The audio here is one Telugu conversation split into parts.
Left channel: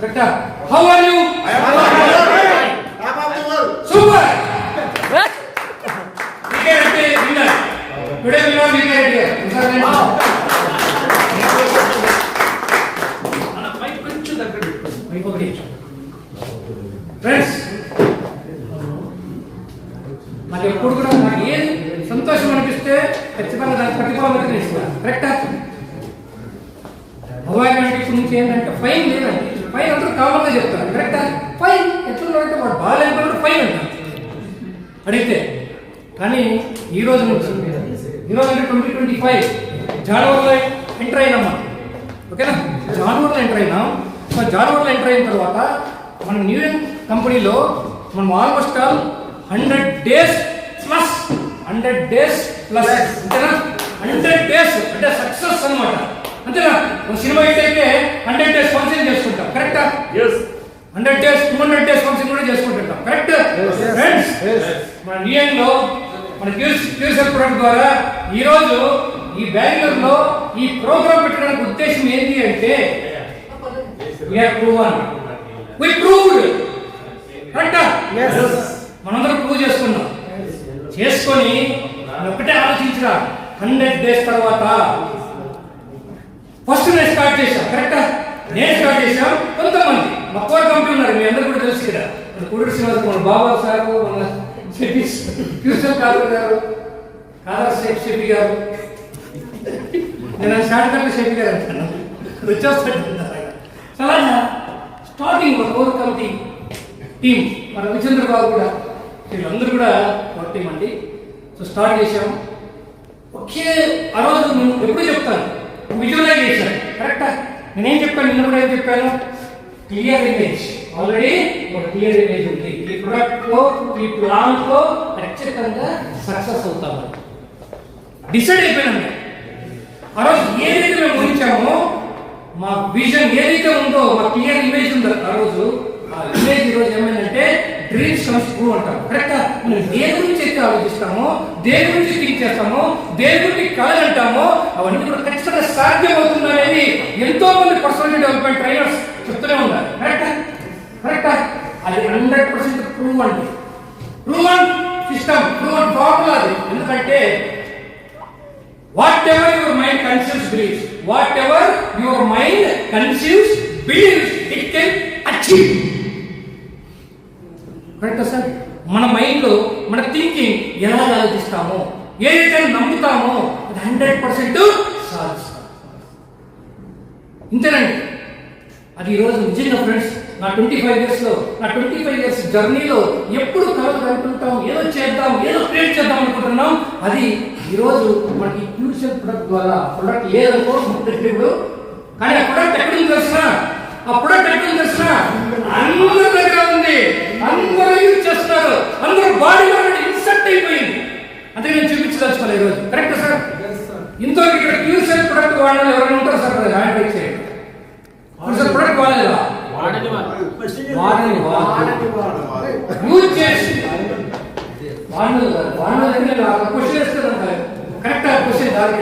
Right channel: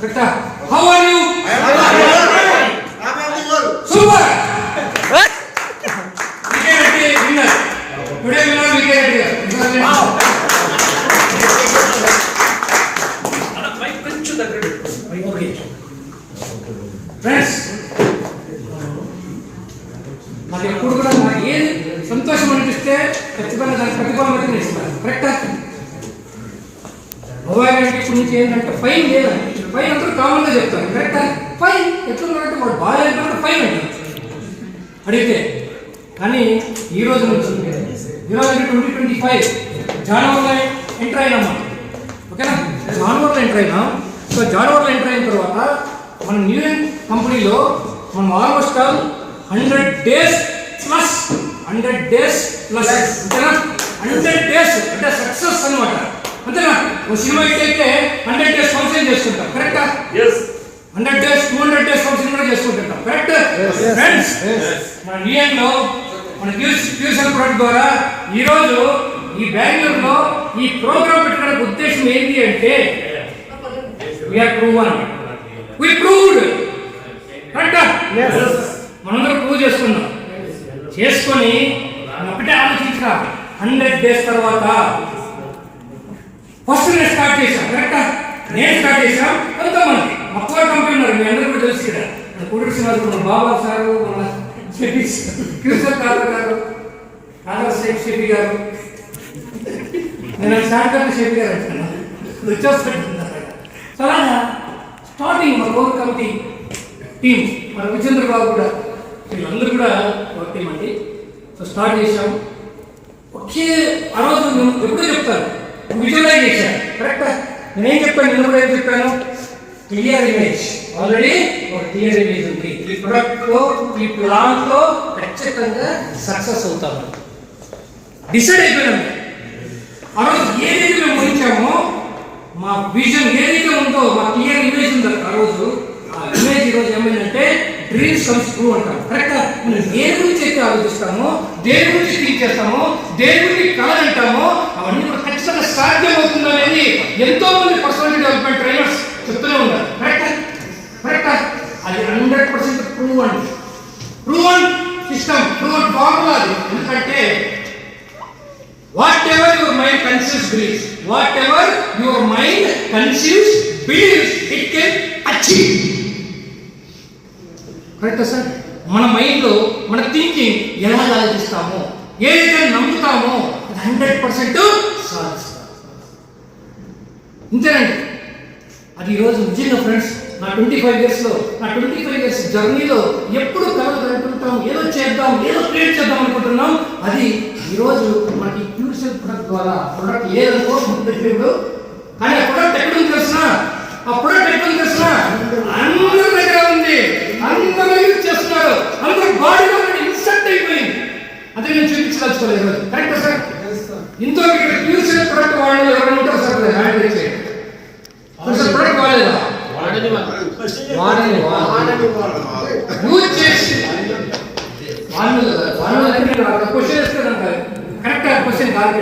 Rector, how are you? I am good. I'm of the world. Super. Wicket winner. Today winner wicket here. Friends, నాకు ఎప్పుడు కూడా నాకు ఏది సంతోషం అనిపిస్తే ఖచ్చితంగా దానికి ప్రతిఫలం ఇస్తాను. కరెక్టా? భగవాన్ ఇప్పుడు నుంచి ఏంటంటే ఫైన్ లేదండి. ఫైన్ అందరూ కామన్గా చెప్తారు. కరెక్టా? ఫైన్ ఎట్లున్నారంటే వాడు బాగా అయిపోయినట్టు ఫైన్ అంటారు అడిగితే. కానీ ఈ రోజు నుంచి 2025 జనవరిలో ఎంటర్ అయినామా? ఓకేనా? జనవరిలో ఎంటర్ అయినాం. సో జనవరిలో ఎంటర్ అయిన తర్వాత మన న్యూ కంపెనీలో మనం ఆల్మోస్ట్ ఆల్ 100 days ప్లస్ అంతేనా? 100 days అంటే సక్సెస్ అన్నమాట. అంతేనా? ఒక సినిమా హిట్ అయితే 100 days ఫంక్షన్ చేసుకుంటాం. కరెక్టా? 100 days 200 days ఫంక్షన్ కూడా చేసుకుంటాం. Correct friends? మన న్యూయంలో మన క్యూసెల్ ప్రొడక్ట్ ద్వారా ఈరోజు ఈ బెంగళూరులో ఈ ప్రోగ్రామ్ పెట్టడానికి ఉద్దేశం ఏంటి అంటే we proved. కరెక్టా? మనందరం ప్రూవ్ చేసుకున్నాం. చేసుకొని ఒకటే ఆలోచించరా, 100 days తర్వాత ఫస్ట్ నేను స్టార్ట్ చేశాం. కరెక్టా? నేను స్టార్ట్ చేశాం. కొంతమంది మా కోర్ కంపెనీ ఉన్నారు, మీ అందరూ కూడా తెలుసు కదా. కూడూరు శ్రీనివాస్, మన బాబా సారు, మన ఫ్యూచర్ కార్పొరేట్ గారు, కాదా షేక్ షేఫీ గారు, నేను స్టార్ట్ కంటే షేఫీ గారు అంటాను వచ్చేస్తున్నారు. అలాగా స్టార్టింగ్ మన కోర్ కమిటీ టీం, మన విజేంద్ర బాబు కూడా, వీళ్ళందరూ కూడా కోర్ టీం అండి. సో స్టార్ట్ చేశాం. ఒకే ఆ రోజు నేను ఎప్పుడు చెప్తాను, విజువలైజ్ చేశాను. కరెక్టా? నేనేం చెప్పాను, ఇందులో ఏం చెప్పాను? Clear image. ఆల్రెడీ ఒక క్లియర్ ఇమేజ్ ఉంది. ఈ ప్రొడక్ట్ లో, ఈ ప్లాన్ లో ఖచ్చితంగా సక్సెస్ అవుతాము డిసైడ్ అయిపోయాను. ఆ రోజు ఏదైతే మేము ఊహించామో, మా విజన్ ఏదైతే ఉందో, మా క్లియర్ ఇమేజ్ ఉందో ఆ రోజు, ఆ ఇమేజ్ ఈరోజు ఏమైందంటే డ్రీమ్స్ కమ్స్ ట్రూ అంటాం. కరెక్టా? మనం దేని గురించి అయితే ఆలోచిస్తామో, దేని గురించి థింక్ చేస్తామో, దేని గురించి కలగంటామో అవన్నీ కూడా ఖచ్చితంగా సాధ్యమవుతుంది అనేది ఎంతో మంది పర్సనల్ డెవలప్మెంట్ ట్రైనర్స్ చెప్తూనే ఉన్నారు. కరెక్టా? కరెక్టా? అది 100% ప్రూవ్ అండి. ప్రూవన్ సిస్టమ్, ప్రూవన్ ఫార్ములా అది. ఎందుకంటే whatever your mind conceives believes, whatever your mind conceives believes, it can achieve. కరెక్టా సార్? మన మైండ్లో మన థింకింగ్ ఎలా ఆలోచిస్తామో, ఏదైతే నమ్ముతామో అది 100% సాధిస్తాం. ఇంతేనండి. అది ఈరోజు నిజంగా ఫ్రెండ్స్, నా 25 years జర్నీలో ఎప్పుడు కలగలుగుతుంటాం, ఏదో చేద్దాం, ఏదో క్రియేట్ చేద్దాం అనుకుంటున్నాం. అది ఈరోజు మనకి క్యూసెల్ ప్రొడక్ట్ ద్వారా, ప్రొడక్ట్ లేదనుకో ఇప్పుడు, కానీ ఆ ప్రొడక్ట్ ఎక్కడ ఉంది తెలుసిన? ఆ ప్రొడక్ట్ ఎక్కడ ఉంది తెలుసిన? అందరి దగ్గర ఉంది, అందరూ యూజ్ చేస్తున్నారు, అందరూ బాడీలో ఇన్సెక్ట్ అయిపోయింది. అంటే నేను చూపించదలుచుకోలేదు ఈరోజు. Correct sir? ఇంతో ఇక్కడ క్యూసెల్ ప్రొడక్ట్ వాడిన ఎవరైనా ఉంటారు సార్? హ్యాండ్ వచ్చే ప్రొడక్ట్ వాడలేదా? యూజ్ చేసి క్వశ్చన్ వేస్తారు. కరెక్టా? క్వశ్చన్ కాదు,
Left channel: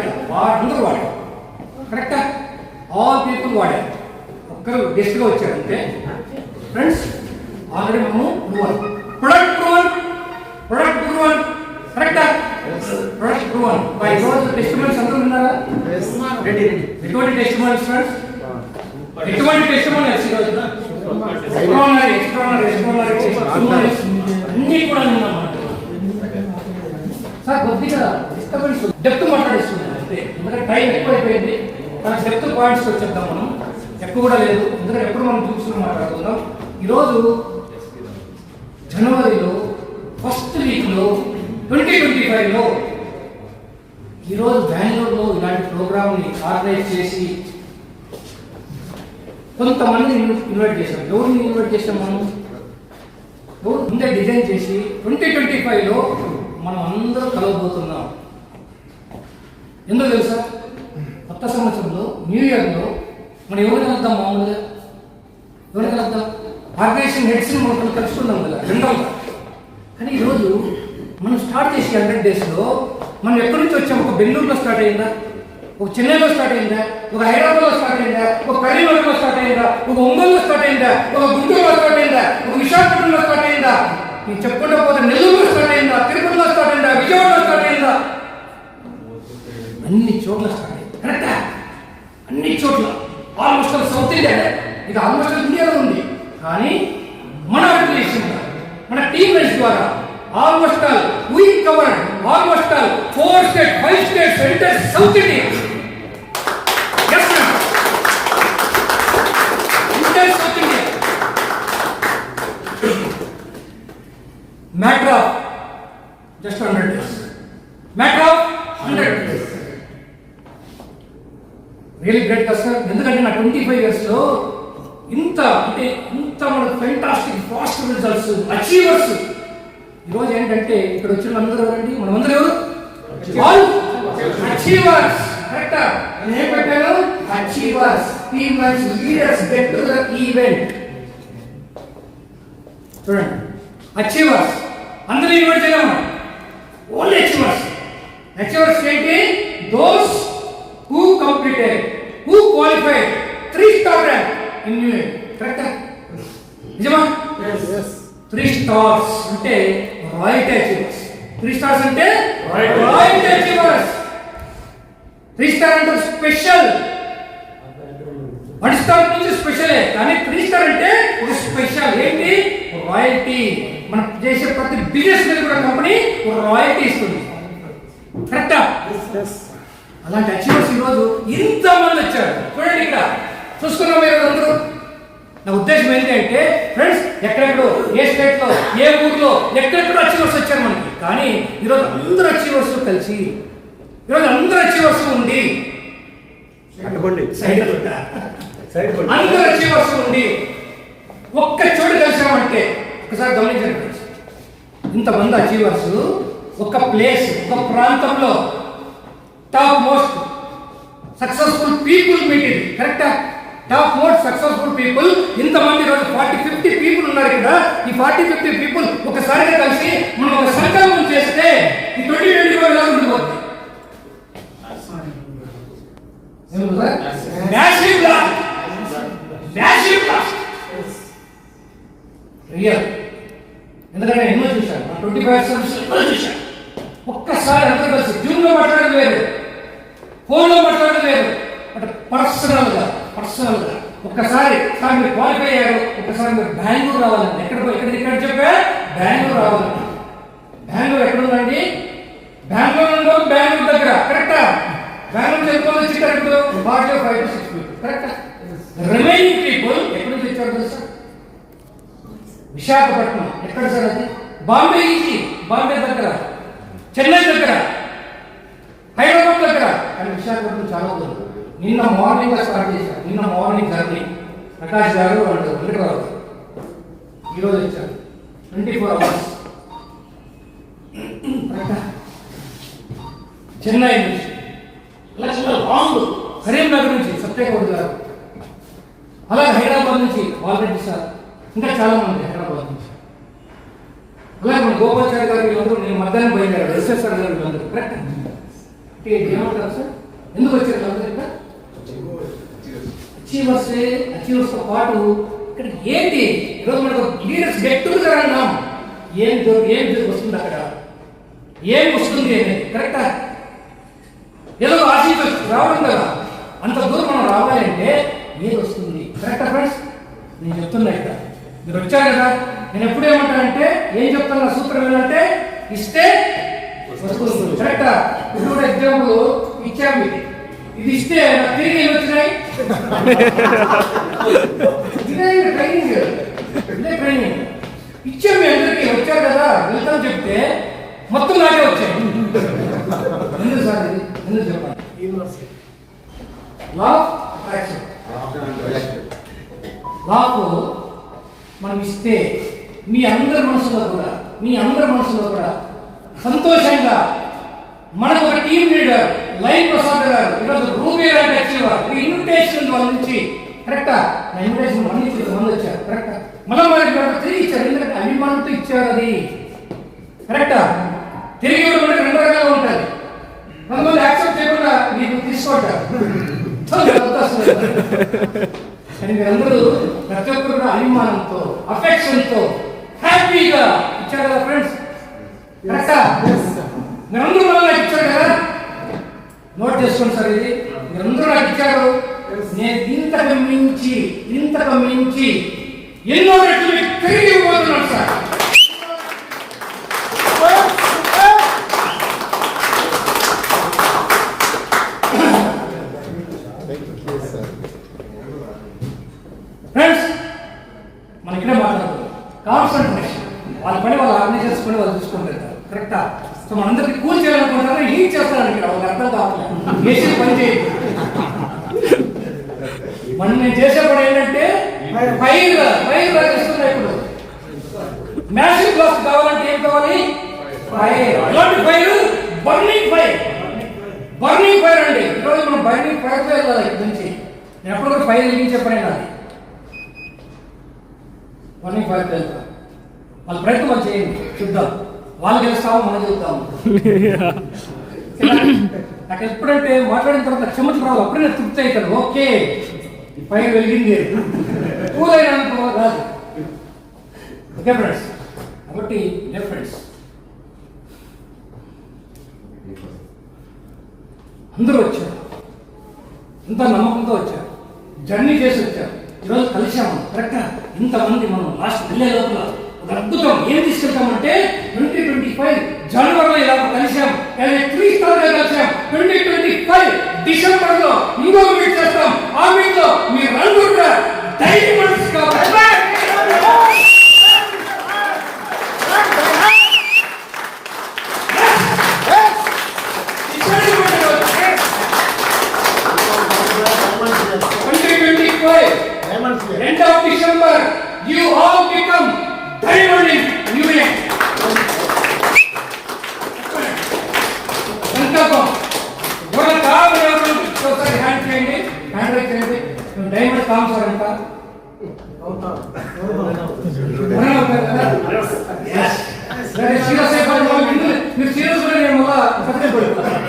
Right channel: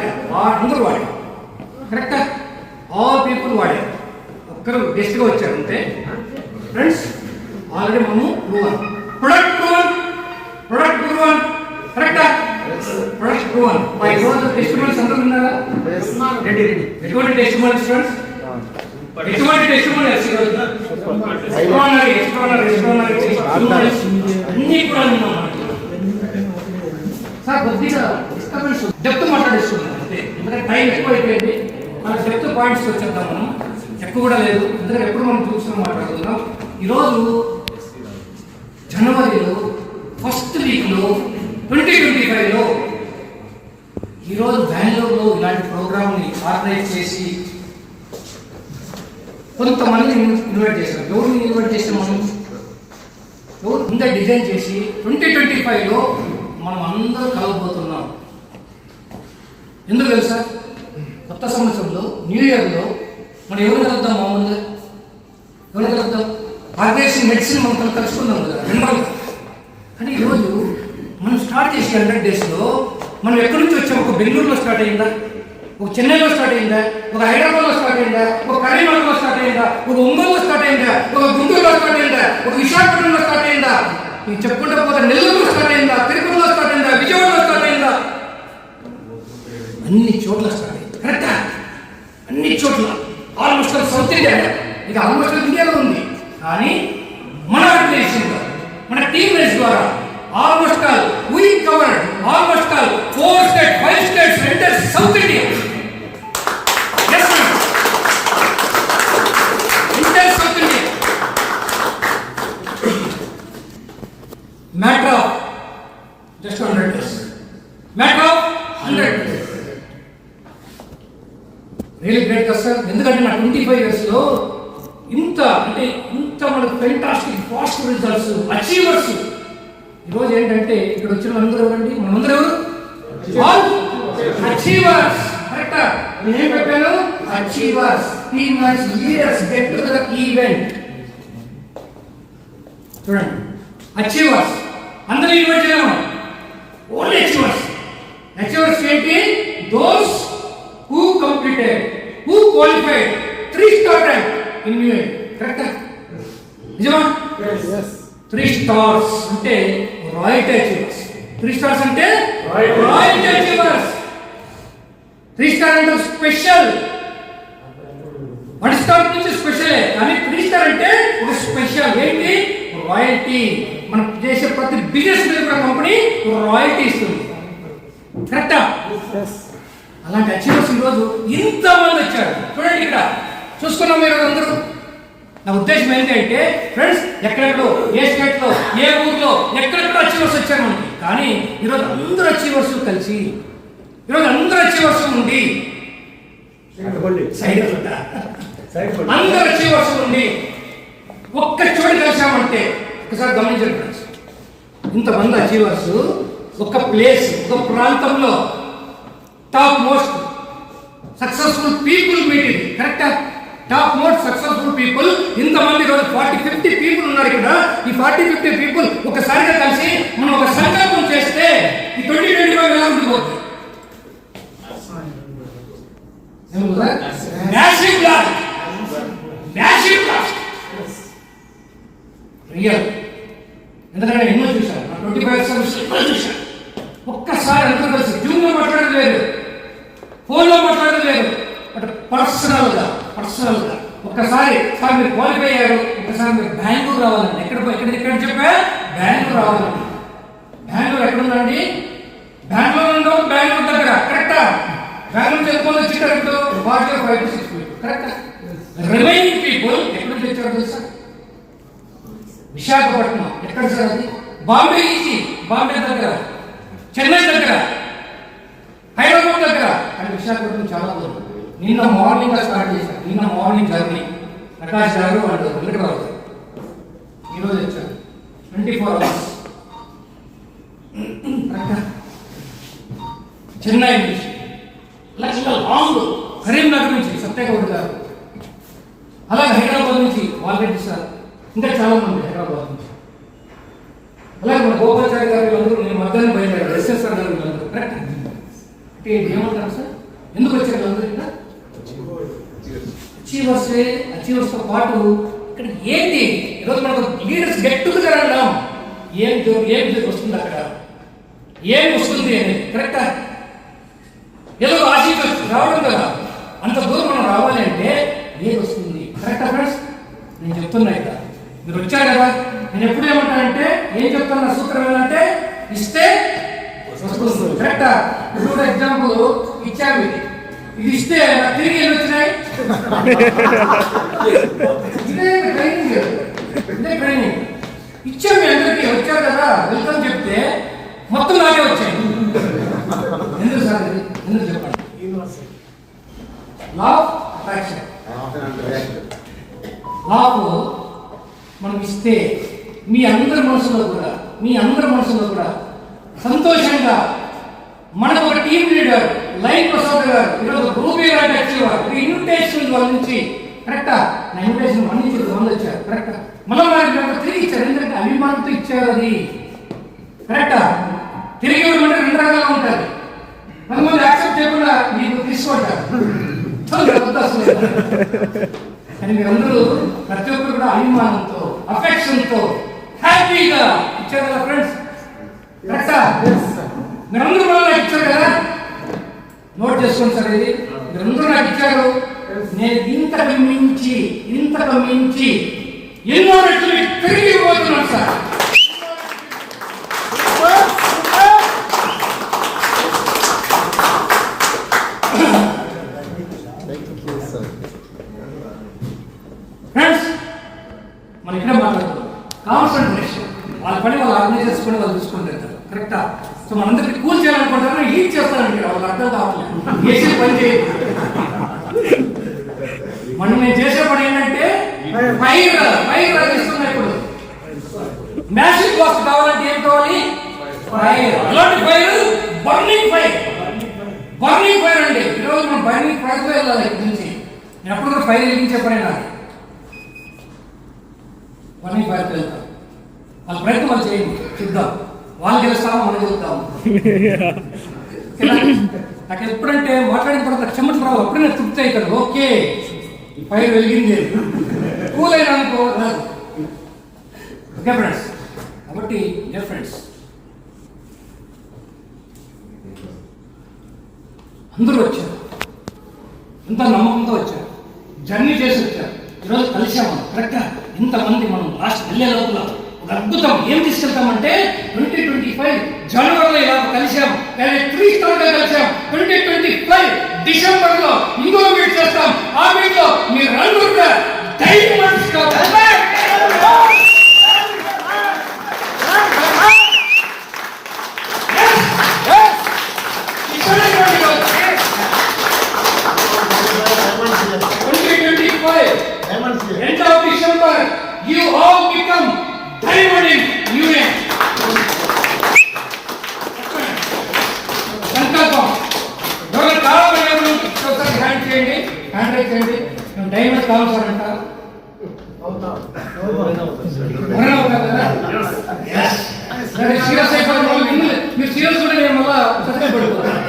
అందరూ వాడారు. కరెక్టా? ఆల్ పీపుల్ వాడారు. ఒక్కరు గెస్ట్గా వచ్చారంటే ఫ్రెండ్స్ ఆల్రెడీ మనము ప్రొడక్ట్ ప్రూవన్. కరెక్టా? Product proven. టెస్టిమోనీస్ అందరూ ఉన్నారా? ఎటువంటి టెస్టిమోనీస్ ఫ్రెండ్స్? ఎటువంటి టెస్టిమోనీస్? అన్ని కూడా ఉన్నాం సార్. కొద్దిగా డిస్టర్బెన్స్, డెప్త్ మాట్లాడిస్తున్నాం అంతే. ఎందుకంటే టైం ఎక్కువ అయిపోయింది. డెప్త్ పాయింట్స్ వచ్చేద్దాం. మనం ఎక్కువ కూడా లేదు, ఎందుకంటే ఎప్పుడు మనం చూసుకుని మాట్లాడుకుందాం. ఈరోజు జనవరిలో ఫస్ట్ వీక్లో 2025లో ఈరోజు బెంగళూరులో ఇలాంటి ప్రోగ్రామ్ని ఆర్గనైజ్ చేసి కొంతమంది ఇన్వైట్ చేశాం. ఎవరిని ఇన్వైట్ చేసాం మనం? ఎవరు ముందే డిజైన్ చేసి 2025లో మనం అందరూ కలవబోతున్నాం. ఎందుకు తెలుసా? కొత్త సంవత్సరంలో, న్యూ ఇయర్లో మనం ఎవరు కలుద్దాం? మామూలుగా ఎవరు కలుద్దాం? ఆర్గనైజేషన్ హెడ్స్ని మనం కలుసుకుందాం కదా జనరల్గా. కానీ ఈరోజు మనం స్టార్ట్ చేసే 100 daysలో మనం ఎక్కడి నుంచి వచ్చాము? ఒక బెంగళూరులో స్టార్ట్ అయిందా? ఒక చెన్నైలో స్టార్ట్ అయిందా, ఒక హైదరాబాద్లో స్టార్ట్ అయిందా, ఒక కరీంనగర్లో స్టార్ట్ అయిందా, ఒక ఒంగోలులో స్టార్ట్ అయిందా, ఒక గుంటూరులో స్టార్ట్ అయిందా, ఒక విశాఖపట్నంలో స్టార్ట్ అయిందా, నేను చెప్పుకుంటూ పోతే నెల్లూరులో స్టార్ట్ అయిందా, తిరుపతిలో స్టార్ట్ అయిందా, విజయవాడలో స్టార్ట్ అయిందా, అన్ని చోట్ల స్టార్ట్ అయింది. కరెక్టా? అన్ని చోట్ల ఆల్మోస్ట్ సౌత్ ఇండియా, ఇక ఆల్మోస్ట్ ఇండియాలో ఉంది. కానీ మన ఆర్గనైజేషన్ మన టీమ్ ద్వారా almost all we covered almost all 4 states, 5 states, entire South India. Yes, ma'am. Entire South India. Matter of just 100 days. Matter of 100 days. Really great, sir. ఎందుకంటే నా 25 years లో ఇంత మనకు ఫెంటాస్టిక్ ఫాస్ట్ రిజల్ట్స్ అచీవర్స్. ఈరోజు ఏంటంటే ఇక్కడ వచ్చిన అందరూ ఎవరండి? మనమందరూ ఎవరు? అచీవర్స్. కరెక్టా? నేను ఏం పెట్టాను? Achievers, teamers, leaders get to the event. చూడండి, అచీవర్స్ అందరూ ఇన్వైట్ చేయమా? Only achievers. అచీవర్స్ ఏంటి? Those who completed, who qualified 3 star rank in unit. కరెక్టా? నిజమా? yes. 3 stars అంటే రాయల్టీ అచీవర్స్. 3 stars అంటే రాయల్టీ అచీవర్స్. 3 star అంటే స్పెషల్. 1 star నుంచి స్పెషలే, కానీ 3 star అంటే ఒక స్పెషల్. ఏంటి? రాయల్టీ. మనం చేసే ప్రతి బిజినెస్ మీద కూడా కంపెనీ రాయల్టీ ఇస్తుంది. కరెక్టా? అలాంటి అచీవర్స్ ఈరోజు ఇంతమంది వచ్చారు. చూడండి, ఇక్కడ చూసుకున్నాం మీరు అందరూ. నా ఉద్దేశం ఏంటి అంటే ఫ్రెండ్స్, ఎక్కడెక్కడో, ఏ స్టేట్ లో, ఏ ఊర్లో, ఎక్కడెక్కడో అచీవర్స్ వచ్చారు మనకి. కానీ ఈరోజు అందరూ అచీవర్స్ కలిసి, ఈరోజు అందరూ అచీవర్స్ ఉండి, అందరూ అచీవర్స్ ఉండి ఒక్క చోటు కలిసామంటే ఒకసారి గమనించండి ఫ్రెండ్స్. ఇంతమంది అచీవర్స్ ఒక ప్లేస్, ఒక ప్రాంతంలో top most successful people meeting. కరెక్టా? టాప్ మోస్ట్ సక్సెస్ఫుల్ పీపుల్ ఇంతమంది రోజు 40-50 పీపుల్ ఉన్నారు కదా. ఈ 40-50 పీపుల్ ఒకసారిగా కలిసి మనం ఒక సంకల్పం చేస్తే ఈ 2025 ఎలా ఉండిపోతుంది? Massive blast, massive blast real. ఎందుకంటే నేను ఎన్నో చూశాను, 25 సర్వీస్ ఎన్నో చూశాను. ఒక్కసారి అందరూ కలిసి జూమ్లో మాట్లాడడం లేదు, ఫోన్లో మాట్లాడడం లేదు, అంటే పర్సనల్గా ఒక్కసారి సార్ మీరు క్వాలిఫై అయ్యారు, ఒక్కసారి మీరు బెంగళూరు రావాలండి. ఎక్కడ చెప్పా? బెంగళూరు రావాలండి. బెంగళూరు ఎక్కడ ఉందండి? బెంగళూరు దగ్గర. కరెక్టా? బెంగళూరు చెప్పుకొని వచ్చింటారు ఇప్పుడు 5 to 6 people. కరెక్టా? రిమైనింగ్ పీపుల్ ఎక్కడి నుంచి వచ్చారు తెలుసా? విశాఖపట్నం. ఎక్కడ సార్ అది? బాంబే ఈజీ, బాంబే దగ్గర, చెన్నై దగ్గర, హైదరాబాద్ దగ్గర. కానీ విశాఖపట్నం చాలా దూరం. నిన్న మార్నింగ్ స్టార్ట్ చేశారు. నిన్న మార్నింగ్ జర్నీ ప్రకాష్ గారు వాళ్ళు వెంకటరావు ఈరోజు వచ్చారు. 24 hours. చెన్నై నుంచి, లాంగ్ కరీంనగర్ నుంచి సత్యగౌడ్ గారు, అలాగే హైదరాబాద్ నుంచి వాల్రెడ్డి సార్, ఇంకా చాలా మంది హైదరాబాద్ నుంచి. అలాగే మన గోపాచారి గారు వీళ్ళందరూ నేను మధ్యాహ్నం పోయించారు. ఎస్ఎస్ఆర్ గారు వీళ్ళందరూ. కరెక్ట్? అంటే ఏమంటారు సార్? ఎందుకు వచ్చారు వీళ్ళందరూ? ఇక్కడ అచీవర్స్తో పాటు ఇక్కడ ఏంటి? ఈరోజు మనకు లీడర్స్ గెట్ టుగెదర్ అన్నాం. ఏం వస్తుంది అక్కడ? ఏం వస్తుంది అనేది. కరెక్టా? ఏదో ఆశించవచ్చు రావడం కదా. అంత దూరం మనం రావాలి అంటే ఏది వస్తుంది? కరెక్టా ఫ్రెండ్స్? నేను చెప్తున్నా ఇక్కడ మీరు వచ్చారు కదా. నేను ఎప్పుడు ఏమంటానంటే, ఏం చెప్తాను సూత్రం ఏంటంటే, ఇస్తే వస్తుంది. కరెక్టా? ఇప్పుడు ఎగ్జాంపుల్ ఇచ్చాము, ఇది ఇస్తే నాకు తిరిగి ఏమి వచ్చినాయి? ఇదే ట్రైనింగ్ ఇచ్చాము. మీ అందరికీ వచ్చారు కదా, వెల్కమ్ చెప్తే మొత్తం నాకే వచ్చాయి. ఎందుకు సార్ ఇది? ఎందుకు చెప్పండి? Law of attraction. లా మనం ఇస్తే మీ అందరి మనసులో కూడా సంతోషంగా మనకు ఒక టీమ్ లీడర్ లైన్ ప్రసాద్ గారు ఈరోజు రూపీ గారు అచీవర్ ఇన్విటేషన్ వాళ్ళ నుంచి. కరెక్టా? నా ఇన్విటేషన్ మన నుంచి మంది వచ్చారు. కరెక్టా? మనం వాళ్ళకి తిరిగి ఇచ్చారు. ఎందుకంటే అభిమానంతో ఇచ్చారు. అది కరెక్టా? తిరిగి ఇవ్వడం అంటే 2 రకాలుగా ఉంటుంది. కొంతమంది యాక్సెప్ట్ చేయకుండా మీకు తీసుకుంటారు. కానీ మీరందరూ ప్రతి ఒక్కరు కూడా అభిమానంతో, అఫెక్షన్తో, హ్యాపీగా ఇచ్చారు కదా ఫ్రెండ్స్. మీరందరూ నాకు ఇచ్చారు కదా, నోట్ చేసుకోండి సార్. ఇది మీరందరూ నాకు ఇచ్చారు. నేను ఇంతకు మించి ఎన్నో రెట్లు తిరిగి ఇవ్వబోతున్నాను సార్. ఫ్రెండ్స్, మన ఇక్కడ మాట్లాడుతున్నాం కాన్సన్ట్రేషన్. వాళ్ళ పని వాళ్ళు ఆర్గనైజ్ చేసుకుని వాళ్ళు చూసుకుంటారు. కరెక్టా? సో మనందరికీ కూల్ చేయాలనుకుంటారు, హీట్ చేస్తారండి. వాళ్ళు అర్థం కావట్లేదు. చేసే పని చేయదు. మనం నేను చేసే పని ఏంటంటే ఫైర్ ఇస్తున్నా. ఇప్పుడు మ్యాసివ్ బ్లాస్ట్ కావాలంటే ఏం కావాలి? ఫైర్. అలాంటి ఫైర్ బర్నింగ్ ఫైర్ అండి. ఈరోజు మనం బర్నింగ్ ఫైర్తో వెళ్ళాలి. ఇక్కడ నుంచి నేను ఎప్పుడు కూడా ఫైర్ వెలిగించే పని కాదు, బర్నింగ్ ఫైర్తో వెళ్తాం. వాళ్ళ ప్రయత్నం వాళ్ళు చేయండి, చూద్దాం. వాళ్ళు గెలుస్తామో మనం గెలుస్తాము. నాకు ఎప్పుడంటే మాట్లాడిన తర్వాత చెమట రావు, అప్పుడే నేను తృప్తి అవుతాను. ఓకే, ఫైర్ వెలిగింది, కూలైనా అనుకో రాదు. ఓకే ఫ్రెండ్స్, కాబట్టి డియర్ ఫ్రెండ్స్, అందరూ వచ్చారు, ఇంత నమ్మకంతో వచ్చారు, జర్నీ చేసి వచ్చారు. ఈరోజు కలిసాము. కరెక్టా? ఇంతమంది మనం లాస్ట్ వెళ్ళే లోపల ఒక అద్భుతం ఏం తీసుకెళ్తామంటే 2025 జనవరిలో ఇలా కలిసాం, 3 స్టార్గా కలిసాం. 2025 డిసెంబర్లో ఇంకొక మీట్ చేస్తాం. ఆ మీట్ లో మీరు నలుగురు కూడా డైమండ్స్ కావాలి. End of December, you all become diamond in union. సంకల్పం. ఎవరు కావాలి? ఒకసారి హ్యాండ్ చేయండి, హ్యాండ్ రైట్ చేయండి. డైమండ్ కావాలి సార్ అంట. మీరు సీరియస్ కూడా నేను మళ్ళా సత్యం పడిపోతాను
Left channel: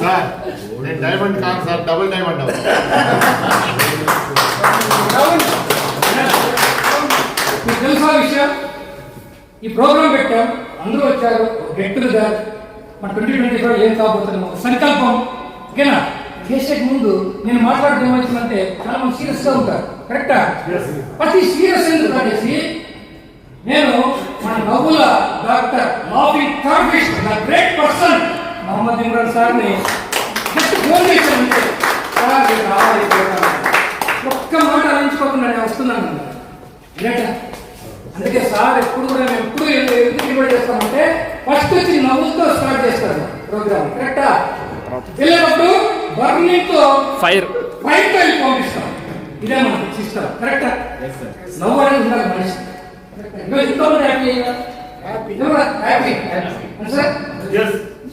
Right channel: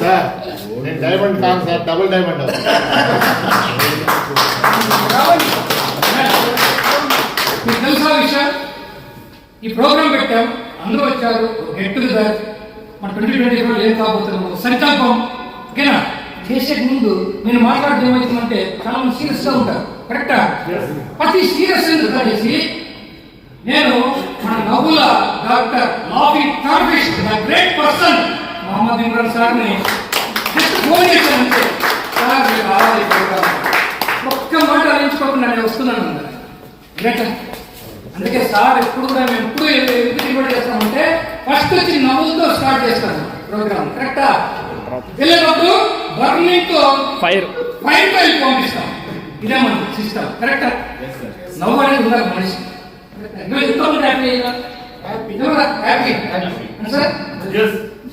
సార్. నేను డైమండ్ కాదు సార్, డబుల్ డైమండ్. మీకు తెలుసా విషయం? ఈ ప్రోగ్రాం పెట్టాం, అందరూ వచ్చారు. Get together. మన 2024 ఏం కాబోతున్నాము సంకల్పం. ఓకేనా? చేసే ముందు నేను మాట్లాడడం ఏమవుతుందంటే చాలా మంది సీరియస్ గా ఉంటారు. కరెక్టా? ప్రతి సీరియస్ ఎందుకు అనేసి నేను మన నవ్వుల doctor laughing therapist great person Mohammed Imran సార్ని జస్ట్ ఫోన్ చేశానంటే, సార్ మీరు రావాలి, ఒక్క మాట అలించుకోకుండా నేను వస్తున్నాను. అందుకే సార్ ఎప్పుడు కూడా మేము ఎప్పుడు ఎందుకు ఇన్వైట్ చేస్తామంటే ఫస్ట్ వచ్చి నవ్వులతో స్టార్ట్ చేస్తాము ప్రోగ్రామ్. కరెక్టా? వెళ్ళేటప్పుడు బర్నింగ్ తో ఫైర్ పంపిస్తాం. ఇదే మన సిస్టమ్. కరెక్టా? నవ్వు అనేది ఉండాలి మనిషి. ఎంతో హ్యాపీ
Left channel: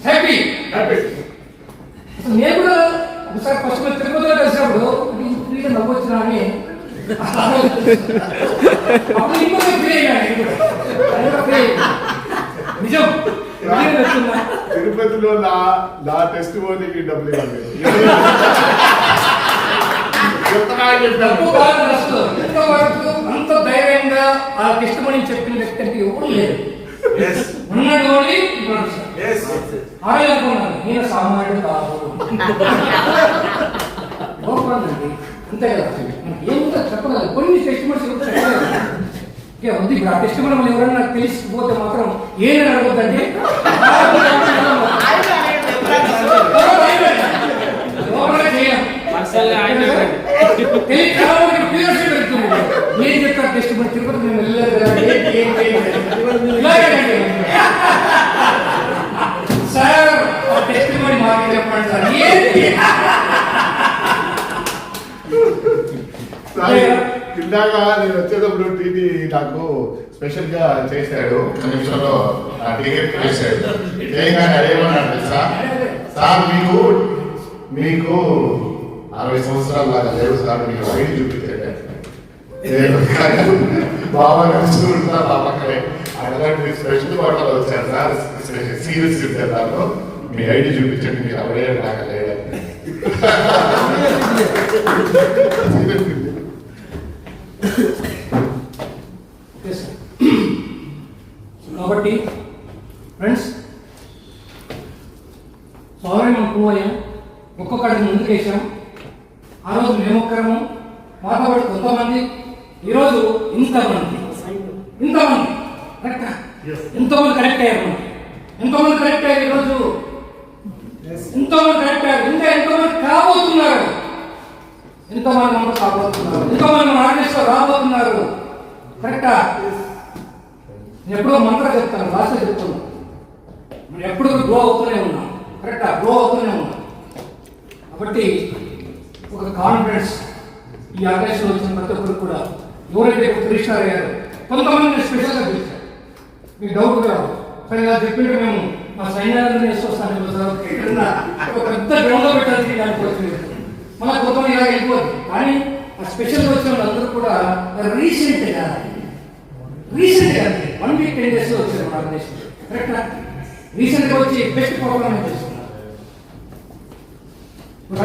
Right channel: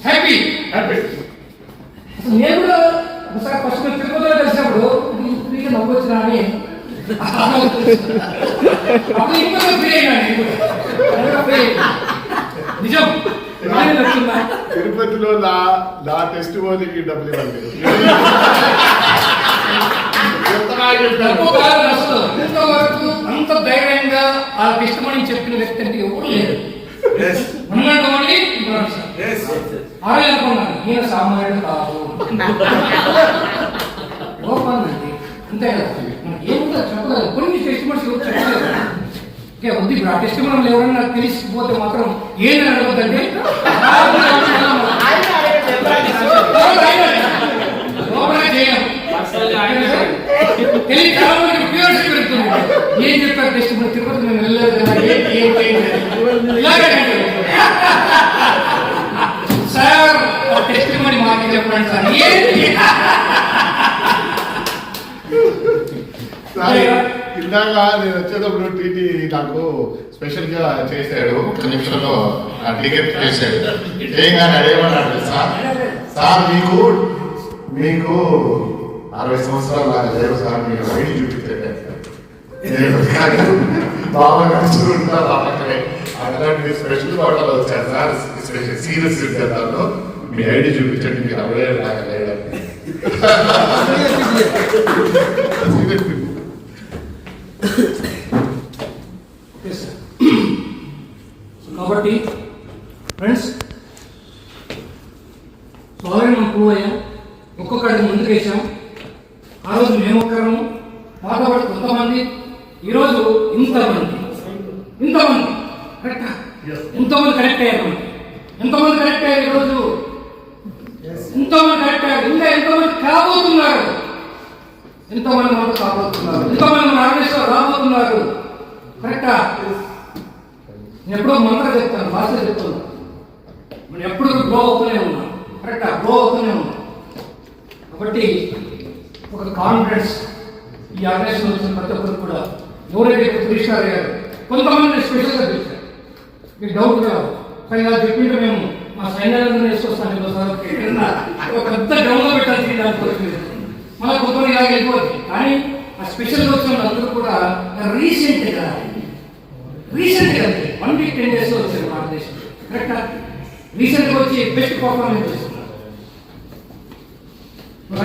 హ్యాపీ హ్యాపీ. నేను కూడా ఒకసారి ఫస్ట్ తిరుపతిలో కలిసినప్పుడు ఫ్రీగా నవ్వు వచ్చినా అని అప్పుడు ఇంకా ఫ్రీ అయినా నిజం. తిరుపతిలో నా టెస్ట్ పోనీకి డబ్బులు ఇవ్వలేదు. ఇంతవరకు అంత ధైర్యంగా ఆ ఇష్టమని చెప్పిన వ్యక్తి అంటే ఎవరు లేదు. ఉన్నాడు అని అరే అనుకున్నాను, నేను సామాన్యుడు కాదు. లోపలండి అంతే కదా. మనకి ఏంటో చెప్పలేదు, కొన్ని టెస్టిమోనీస్ చెప్పలేదు. ఓకే, ఉంది. ఇప్పుడు ఆ టెస్టిమోనీలు ఎవరైనా తెలిసిపోతే మాత్రం ఏదని అడగొద్దండి. తెలియ చాలా మందికి క్యూరియాసిటీ పెరుగుతుంది. ఏం చెప్పారు టెస్టిమోనీ? తిరుపతి నేను వెళ్ళలేదు కదా, సార్ ఆ టెస్టిమోనీ మాకు చెప్పండి సార్. ఇందాక నేను వచ్చేటప్పుడు టీటీ నాకు స్పెషల్ గా చేశాడు. ఒక నిమిషంలో టికెట్ చేశాడు. చేయగానే అదేమన్నాడు తెలుసా? సార్ మీకు 60 సంవత్సరాలు లాగా లేవు సార్, మీరు ఐడి చూపించాడు. బాబా నడుచుకుంటా బాబాకలే అలాంటి స్పెషల్ హోటల్ వచ్చారు సార్, సీరియస్ దాంట్లో మీ ఐడి చూపించండి, మీరు 60 లాగా లేడు. కాబట్టి ఫ్రెండ్స్ ఆల్రెడీ మనం ప్రూవ్ అయ్యాం, ఒక్కొక్కడికి ముందుకు వేసాం. ఆ రోజు మేము ఒక్కరము, మాతో పాటు కొంతమంది, ఈరోజు ఇంతమంది కరెక్టా? ఎంతోమంది కరెక్ట్ అయ్యారు. మనకి ఎంతోమంది కరెక్ట్ అయ్యారు ఈరోజు, ఎంతోమంది కరెక్ట్ అయ్యారు. ఇంకా ఎంతోమంది కాబోతున్నారు, ఎంతోమంది మనకు కాబోతున్నారు, ఎంతోమంది మన ఆర్గనైజేషన్ రాబోతున్నారు. కరెక్టా? నేను ఎప్పుడో మంత్రం చెప్తాను, భాషలో చెప్తున్నాను. మనం ఎప్పుడు గ్రో అవుతూనే ఉన్నాం. కరెక్టా? గ్రో అవుతూనే ఉన్నాం. కాబట్టి ఒక కాన్ఫిడెన్స్ ఈ ఆర్గనైజేషన్ వచ్చిన ప్రతి ఒక్కరికి కూడా ఎవరైతే కృష్ణారు గారు కొంతమంది స్పెషల్గా పిలిచారు. మీకు డౌట్ రావు, కానీ ఇలా చెప్పింటే మేము మా సైన్యాన్ని వేసుకొస్తాను ఒక పెద్ద గ్రౌండ్లో పెట్టాల్సి దానికి మళ్ళీ కొంతమంది ఇలా వెళ్ళిపోతుంది. కానీ ఆ స్పెషల్గా వచ్చిన వాళ్ళందరూ కూడా రీసెంట్గా 1 week 10 days వచ్చారు మన దేశం. కరెక్టా? రీసెంట్గా వచ్చి బెస్ట్ పర్ఫార్మెన్స్ చేస్తున్నారు.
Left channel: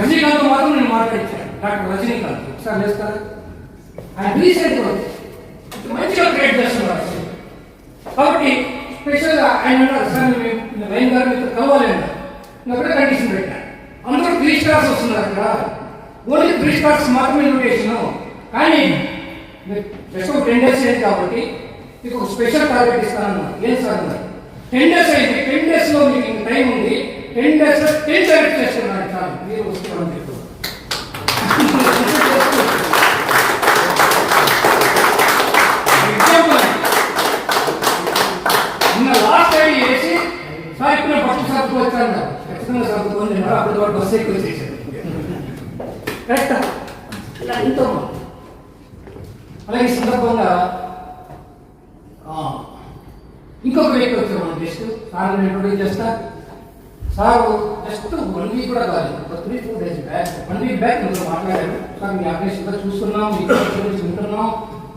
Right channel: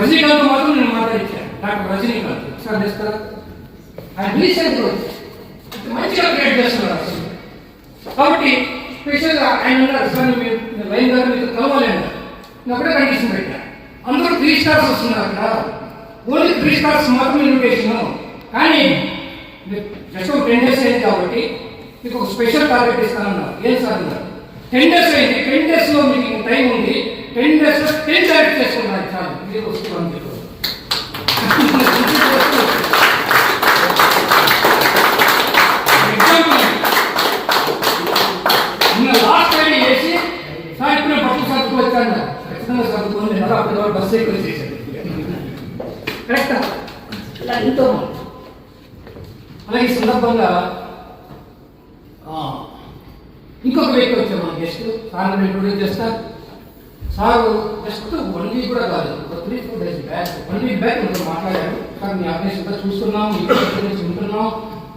రజనీకాంత్ మాత్రం నేను మాట్లాడించాను, డాక్టర్ రజనీకాంత్ సార్ చేస్తారా? ఆయన రీసెంట్గా వచ్చి మంచిగా క్రియేట్ చేస్తున్నారు. కాబట్టి స్పెషల్గా ఆయన అన్నారు, సార్ లైన్ గారు మీతో కలవాలి అన్నారు. నేను ఒకటే కండిషన్ పెట్టాను, అందరూ 3 stars వస్తున్నారు అక్కడ, ఓన్లీ 3 stars మాత్రమే ఇన్విటేషన్. కానీ జస్ట్ 10 days అయింది కాబట్టి మీకు ఒక స్పెషల్ టార్గెట్ ఇస్తానన్నారు. ఏం సార్ అన్నారు? 10 days అయింది, 10 days లో మీకు టైం ఉంది, 10 days లో 10 టార్గెట్ చేసుకున్నారు చాలు, మీరు వస్తున్నారని చెప్పారు. ఎగ్జాంపుల్ నిన్న లాస్ట్ టైం చేసి సార్ ఇప్పుడు బస్సు సర్దుకు వచ్చాను, ఖచ్చితంగా సర్దుకొని అప్పటి వరకు బస్సు ఎక్కువ చేశారు. కరెక్టా? ఇలా ఎంతో అలాగే ఈ సందర్భంగా ఇంకొక వ్యక్తి వచ్చారు మన గెస్ట్. సార్ ఇంట్రొడ్యూస్ చేస్తా. సార్ జస్ట్ 1 week కూడా కాదు, 3-4 days బ్యాక్ 1 week బ్యాక్ ఇంట్లో మాట్లాడారు. సార్ మీ ఆర్గనైజేషన్ చూస్తున్నాం, మీ గురించి వింటున్నాం.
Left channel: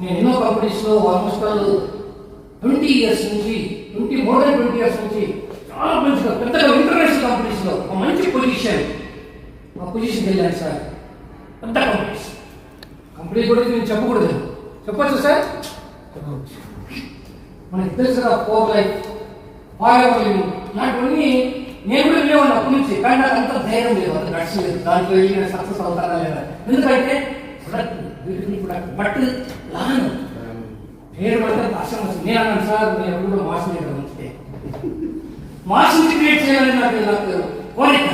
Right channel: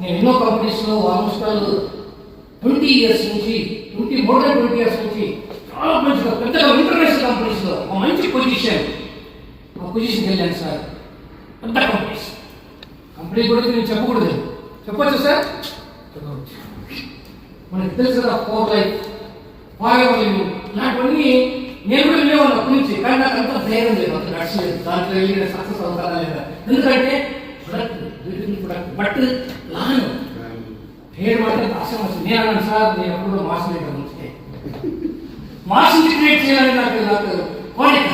నేను ఎన్నో కంపెనీస్లో ఆల్మోస్ట్ 20 years నుంచి మోర్ దాన్ 20 years నుంచి చాలా మంచిగా పెద్దగా ఇంటర్నేషనల్ కంపెనీస్లో మంచి పొజిషన్కి వెళ్ళాను సార్. పెద్ద కంపెనీ గురించి నేను చెప్పకూడదు, చెప్పచ్చు సార్? చెప్పవచ్చు. మనకి తెలుసు కదా, 4 life, 5 ఇలాంటివన్నీ నేను కూడా వినేవాళ్ళు అప్పటి నుంచి. కానీ నాకు అంత ధైర్యం లేదు, అంత గట్స్ లేదు, దాంట్లో వెళ్ళి సక్సెస్ అవుతారా లేదా. ఎందుకంటే బట్ లాను పేరు మాత్రం ఆశయం వచ్చింది. నేను అన్నాను సార్, నేను ఎప్పుడు మాసం లేదు మంచిదే, మాసం క్రియేట్ చేయాలని నాకు కోరిక.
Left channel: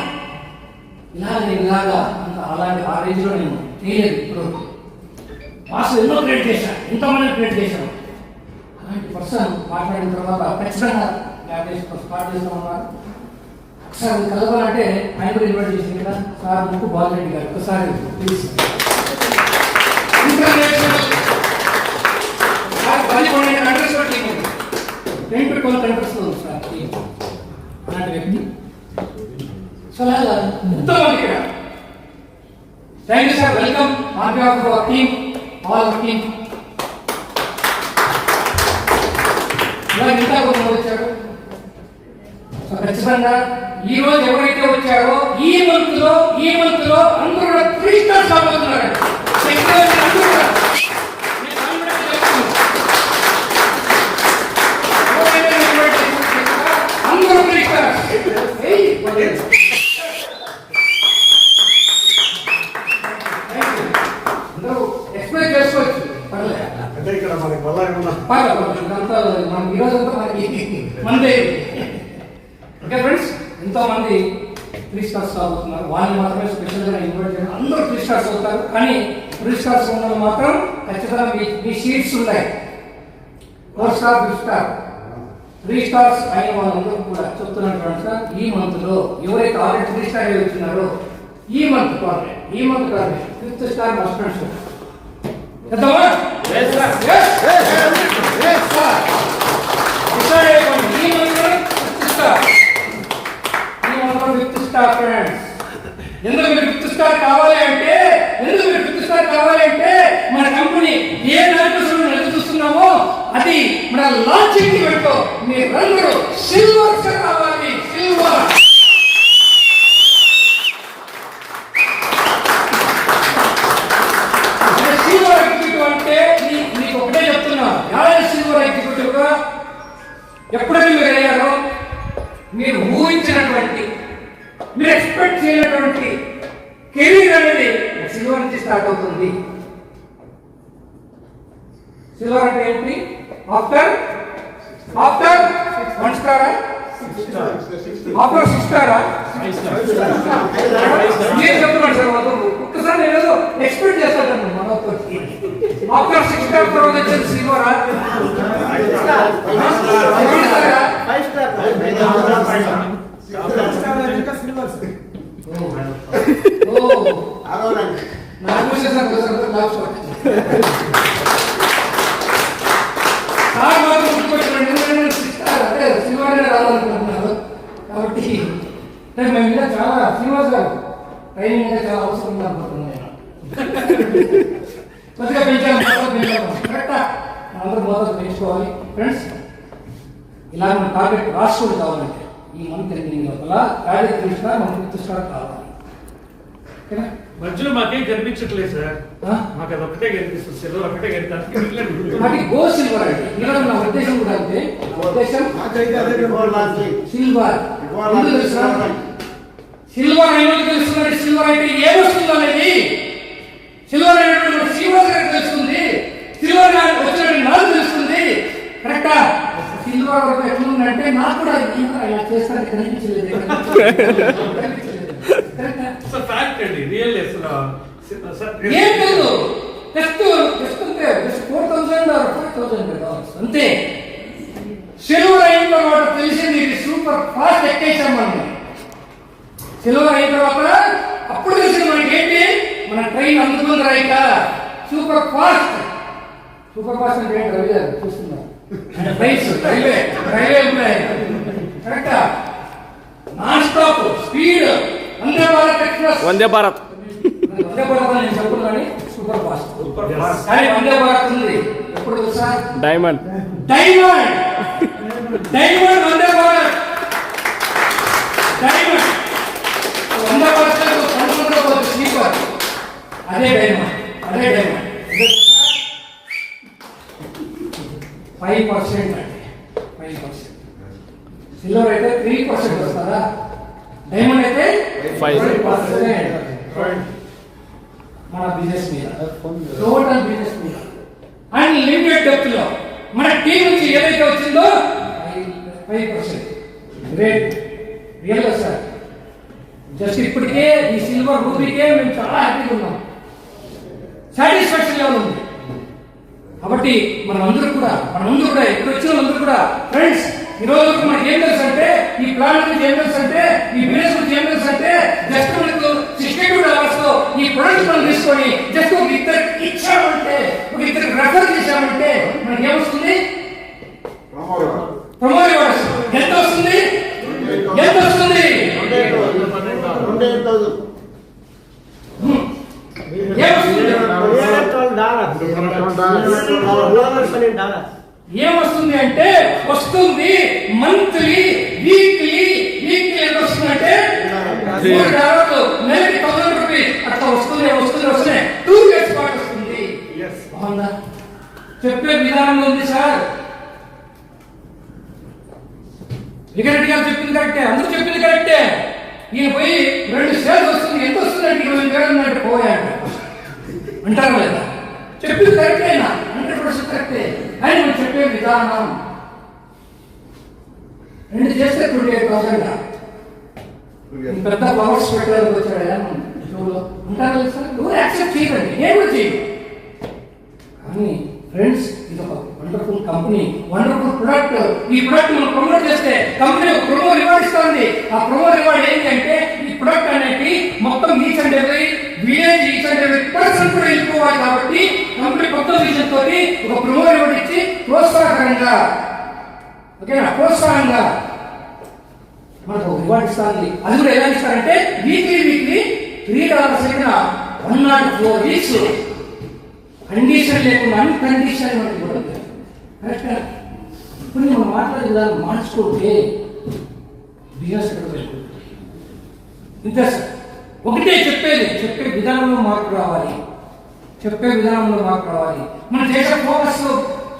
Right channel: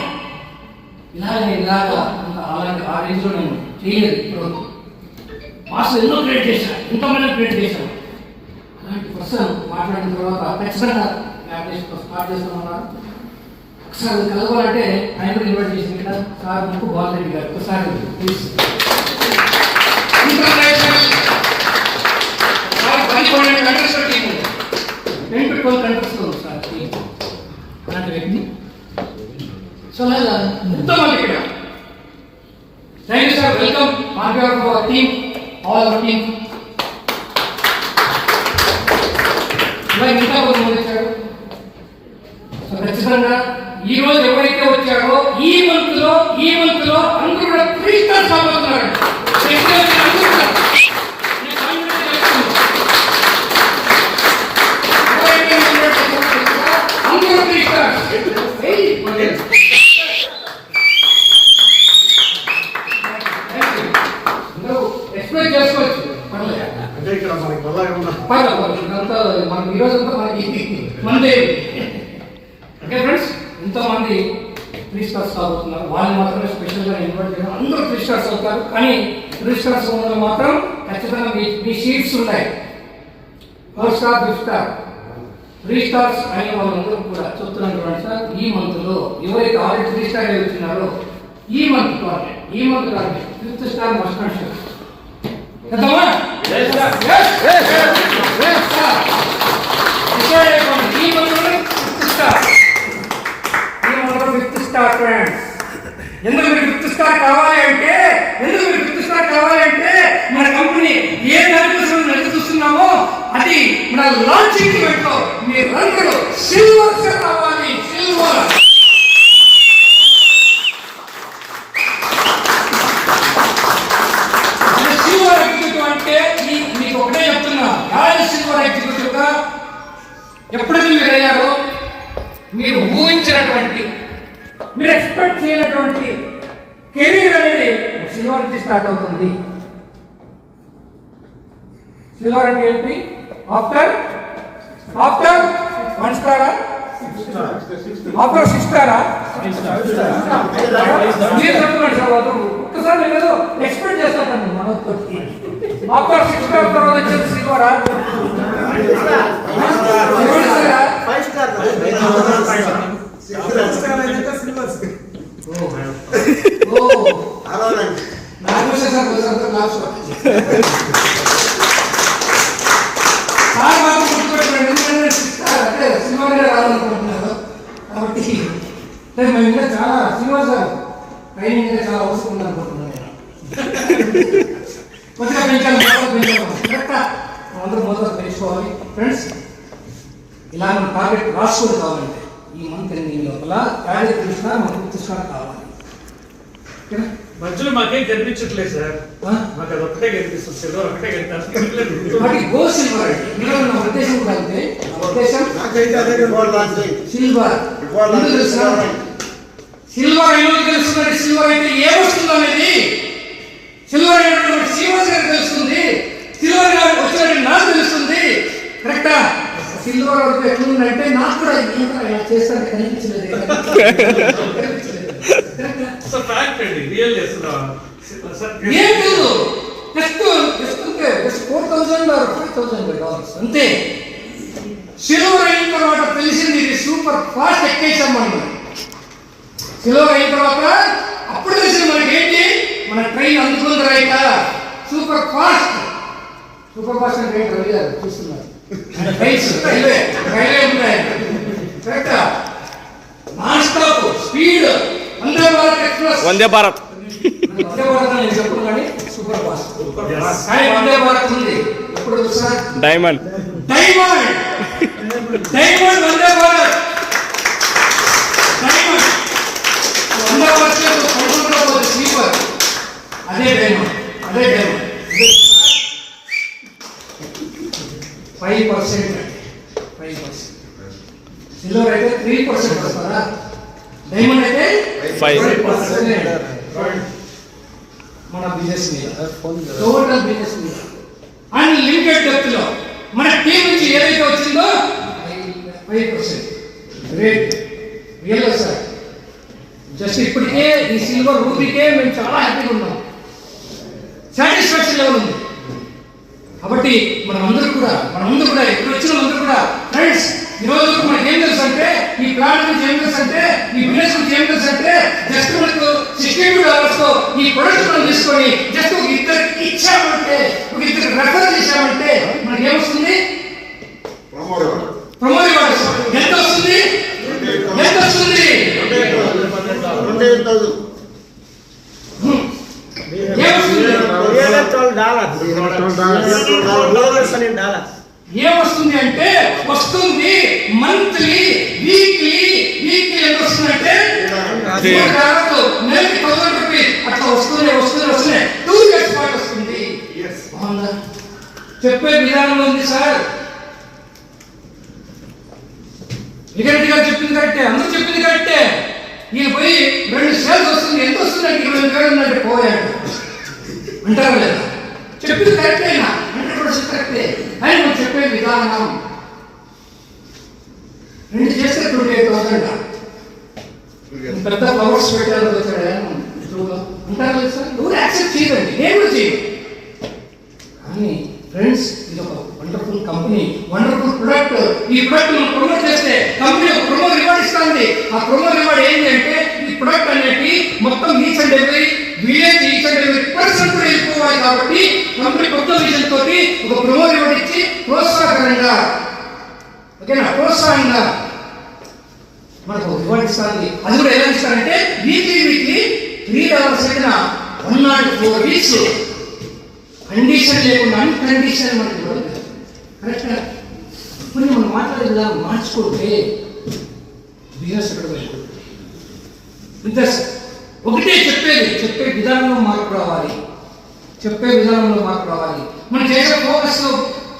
ఇలాగా అలాంటి ఆ రేంజ్లో నేను చేయలేదు. ఇప్పుడు మాసం ఎన్నో క్రియేట్ చేశాను, ఎంతోమంది క్రియేట్ చేశాను. అలాంటి పర్సన్ మాట్లాడిన తర్వాత ఖచ్చితంగా స్టార్ట్ చేస్తామన్నారు. ఒకసారి కలవాలంటే ఆయన కూడా ఇన్వైట్ చేసింది కదా సార్, ముక్కు బాలరెడ్డి గారు. ఒకసారి ప్లీజ్. సార్ 12 కంట్రీస్లో టీం ఉంది, 10 to 12 కంట్రీస్లో ఉంది సార్ టీం. అలాంటి వ్యక్తి సో అలాగా ఎంతోమంది ఇక్కడ. Thank you sir, welcome on behalf of our team, all our team. ఇలా ఇంకా కొంతమంది వచ్చాడు. సో ఖచ్చితంగా ఈ రోజు ఎవరైతే వచ్చారో ఈ మంత్ లో అందరూ కూడా 3 stars కాబోతున్నారు. అందరూ 3 stars. ఎక్స్ప్రెస్ చేసుకోవచ్చు, అంటే ఇక్కడ మనకి మనకి ఈరోజంతా మనదే. ఓకే ఫ్రెండ్స్, ఎంతో మంది 3 stars అవుతున్నారు. వాళ్ళు మాత్రమే స్పెషల్గా ఇన్వైట్ చేయడం. అందరూ 3 stars అవుతారు. కానీ 3 stars ఉన్న వాళ్ళు మాత్రం ఖచ్చితంగా మీ షీట్స్ ఉన్నాయి. 4 star, 5 star, 3 stars అనే వాళ్ళందరూ కూడా చెప్తున్నాను ఫ్రెండ్స్. ఈ మంత్ లో ఎవరైతే ఆల్రెడీ 3 star వచ్చినారో ఈ month target 5th star must and sure. చేద్దామా? Yes sir. Yes sir. ఈ month 5th star. Fifth star friends. ఎందుకు మీరు 5th star కావాలి అంటే మన కంపెనీ ఏ నడుపు చూస్తున్నామో అది మన లాంచింగ్ ఈవెంట్ లో మీరందరూ సిల్వర్ కావాలి. సిల్వర్ ఎప్పుడైతే మీరు అయ్యారో మీరు ఊహించినటువంటి, మీరు ఎక్స్పెక్ట్ చేయనటువంటి కెరీర్ అనేది సిల్వర్ నుంచి స్టార్ట్ అవుతుంది. సిల్వర్ అంటే ఏంటి? ఆఫ్టర్ 1 స్టారా, ఆఫ్టర్ 6 స్టారా? మీరు చెప్తున్నాడు సార్ వాళ్ళు. ఒక్కసారి నేను ఏదో ఎక్స్పెక్ట్ చేస్తాను మనోకి. ఆఫ్టర్ 6 స్టార్ తర్వాత వచ్చేది సిల్వరా? 5 స్టార్. కాబట్టి మేము ఇంకా చాలా శ్రీనివాస్ గారు ట్రైనింగ్ అనేది చాలా అవసరం అనుకుంటున్నాను. కొద్దిగా పెంచాలి, కరెక్టా? అందరూ మోతాదు పెంచుకోవాలి ఫ్రెండ్స్. ఇలా మన టార్గెట్ రాసుకొని కావాలంటే ఈ మంత్ ఎండింగ్ లోపల కార్యకృష్ణ మనకు పుస్తకాలు కావాలి. మధ్యలో మాకేం కనిపించట్లేదు సార్, మాకు అది ఒకటే కనిపిస్తుంది, సిల్వర్ ఒకటే కనిపిస్తుంది. వాటి గో సిల్వర్ అండి. ఈరోజు నా ఉద్దేశం కూడా అంతే. ఉద్దేశం సిల్వర్. సిల్వర్ ఏమో తెలుస్తుంది. సిల్వర్ అంటే ఏ వస్తుంది అనేది సిల్వర్ అనేటువంటి శ్రీనివాస్ గారికి తెలుస్తుంది. సిల్వర్ వచ్చినట్టు నాకు తెలుస్తుంది. కరెక్టా? సిల్వర్ వరకు ఎట్లుందంటే నాకు కూడా ఇలా చేస్తానికి కనిపించలేదు. ఏం లేదు, జస్ట్ $4,000 అంతే. సిల్వర్ అయిన తర్వాత తెలిసింది ఇది సూపర్ ఫాస్ట్ ఎక్కేసామని. సిల్వర్ అయిన తర్వాత అప్పుడు తెలిసింది మనకి ఏంటి, మన ట్రైన్ అందుకుంది right super fast. Super fast అంటే ఏంటి రవి గారు చూస్తున్నారు? ట్రైన్స్ రైల్వే ఉన్నాయి. కరెక్టా? Non stop speed. Vande Bharat express. Vande Bharat నేను చెప్పను కానీ సూపర్ ఫాస్ట్. కానీ వందే భారత్ ఉంది ఎప్పుడు తెలుసా? Diamond Vande Bharat diamond. Vande Bharat sleeper. అదే డైమండ్. 5% అంటే 5%. సిల్వర్ అయితే 3% వస్తారా? డైమండ్ అయితే 5%. మన బిజినెస్ మీద, టోటల్ బిజినెస్ మీద అన్లిమిటెడ్ డెప్త్ లో మన టీం నుంచి ఏదైతే వచ్చిందో 5%. గ్రేట్. Real sir. జస్ట్ ఇప్పటికే ఈ సిల్వర్ రూపీకే మేము చాలా హ్యాపీగా ఉన్నాం. సాటిస్ఫాక్షన్ లెవెల్ ఉంది. కాబట్టి మనమందరూ కూడా ఎక్కువ వచ్చిన అందరూ కూడా ఫ్రెండ్స్, ఈ రోజు మనకి ఏం తెలుసు అంటే, ఈ ప్లాన్ గురించి ఏం తెలుసు అంటే, ఈ బిజినెస్ గురించి ఏం తెలుసు అంటే, జస్ట్ మనకు $62 లో ఈ ప్రొడక్ట్ మనం తీసుకొని జస్ట్ ఒక ఇద్దరికి ఇచ్చామంటే, ఒక ఇద్దరికి రెఫర్ చేశామంటే మనకి ఏమొస్తుంది? ప్రమోద్ ఎంత వస్తుంది? ఏమొస్తుంది అంటే వస్తుంది మంత్లీ, వీక్లీ ఎంత వస్తుందంటే నెలకి $1,000 అట్లా వస్తున్నాయి. 2 years పాటు వస్తుంది. బాగుందా? చెప్పే విధానం ఉంది సార్. విగరెడ్డి గారు చెప్పింది కరెక్టే, అందరూ చెప్పింది కరెక్టే. ఈయన పోయి 2 సేల్స్ వస్తుంది, ఎంత వస్తుందంటే 20,000 అంటే పోయాడు అంటారా లేదా? చెప్పింది కరెక్టే, 100% కరెక్టే. అని మనం చెప్పే విధానం 2 చేస్తే 28,000 పెద్ద పవర్స్ పెట్టారు వచ్చాడు అంటారు సార్. నువ్వు యాక్సెప్ట్ చేయదండి, నేను కూడా చేయను. కానీ ఫ్రెండ్స్, ఇది ఒక వండర్ఫుల్ కంపెనీ, వండర్ఫుల్ ప్రొడక్ట్. ఈ ప్రొడక్ట్ మనం ప్రమోట్ చేస్తే కంపెనీ ఒక ప్రమో రివార్డ్ ఇస్తుంది. ఆ ప్రమో రివార్డ్ ఏంటంటే, ఈ ప్రొడక్ట్ అనేది మొత్తం each and every village, each and every person కూడా వెళ్ళిపోవాలి. కాబట్టి కంపెనీ కొత్త విజన్ తోటి ఒక ప్రమో రివార్డ్ ఇచ్చి ప్రోత్సాహకరంగా, ఓకేనా, ప్రోత్సాహంగా మనకు రివార్డ్ ఇస్తుంది. అది కూడా ఎలా ఇస్తారంటే వీక్లీ $3 అయిన 104 weeks కండిషన్ లేకుండా అన్కండిషన్ మనకి ఇవ్వలేదు. కరెక్ట్గా ఇప్పుడు మనం మాట్లాడే విధానం మార్చుకుంటే బిజినెస్ ఎక్కడ వెళ్ళిపోతుంది. ఇంతే సార్. ఒకటే చెప్పే విధానంలో మార్పు రావాలి. మనం చేసే ఫోకస్లో